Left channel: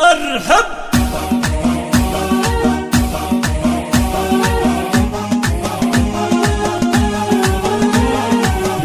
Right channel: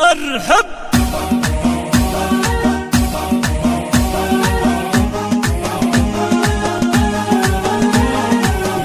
ارحب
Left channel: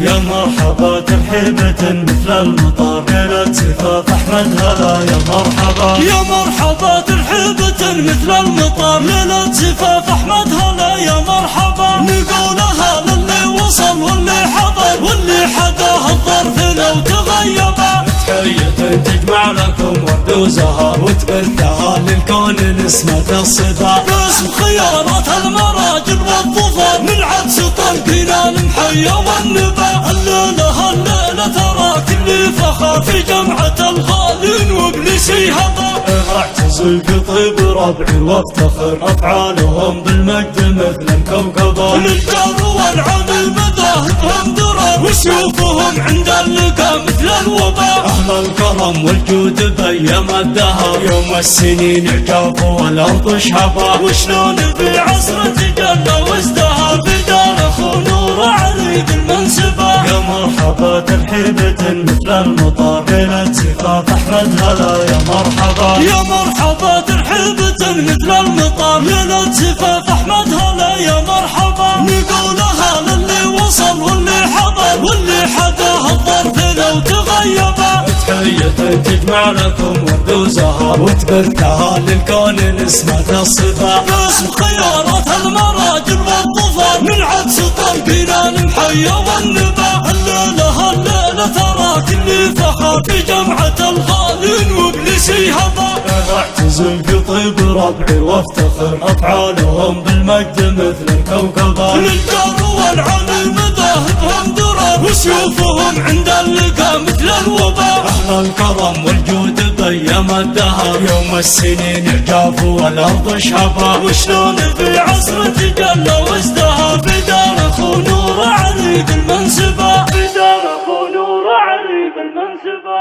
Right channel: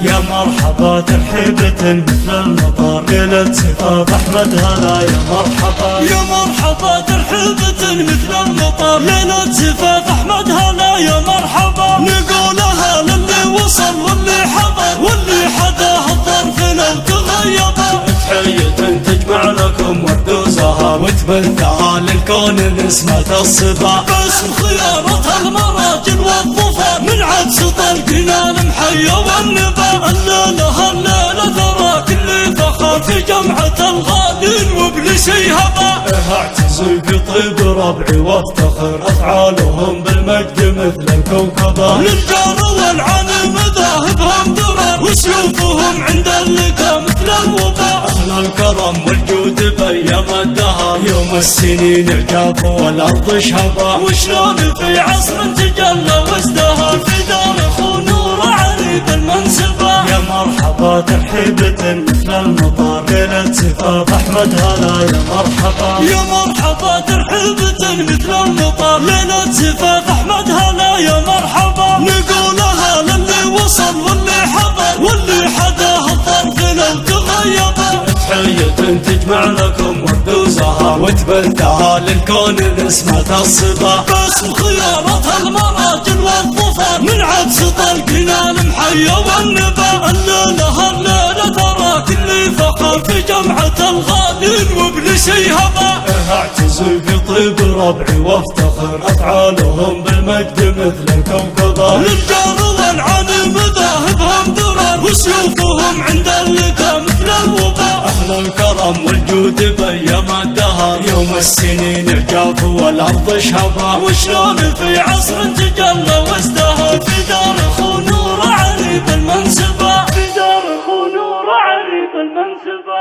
يا مرحبا ترحيبة مثل المطر ليلة زفاف أحمد هلا يا مرحبا يا مرحبا ترحيبة مثل المطر ليلة زفاف أحمد هلا يا مرحبا نقولها للي وصل واللي حضر واللي حداه الظرف لو تغيبا تحية تجمع لكم ورد وزهر وتبثها للكون نسمة الصبا باسم خيارات المراجل والظفر من عدس طلقنا المحيا والنبا الليلة ترى كل فخر في جمعة الغالين وابليسي هبا اعتزل قطيب ربعي وافتخر افعالهم بالمجد مثل الكوكبة للجار والعن مذاهبهم درر وسيوفهم عند اللقا مثل الوباء اهل الكرم والجود بايام الدهر يوم السنين يعجب والارض شهبا وشلون في عصر تجلى وازدهر في دار اخو نور علي بالمنسبة يا مرحبا ترحيبة مثل المطر ليلة زفاف أحمد هلا يا مرحبا يا مرحبا ترحيبة مثل المطر ليلة زفاف أحمد هلا يا مرحبا نقولها للي وصل واللي حضر واللي حداه الظرف لو تغيبا تحية تجمع لكم ورد وزهر وتبثها للكون نسمة الصبا باسم خيارات المراجل والظفر من عدس طلقنا المحيا والنبا الليلة ترى كل فخر في جمعة الغالين وابليسي هبا اعتزل قطيب ربعي وافتخر افعالهم بالمجد مثل الكوكبة للجار والعن مذاهبهم درر وسيوفهم عند اللقا مثل الوباء اهل الكرم والجود بايام الدهر يوم السنين يعجب والارض شهبا وشلون في عصر تجلى وازدهر في دار اخو نور علي بالمنسبة في دار اخو نور علي بالمنسبة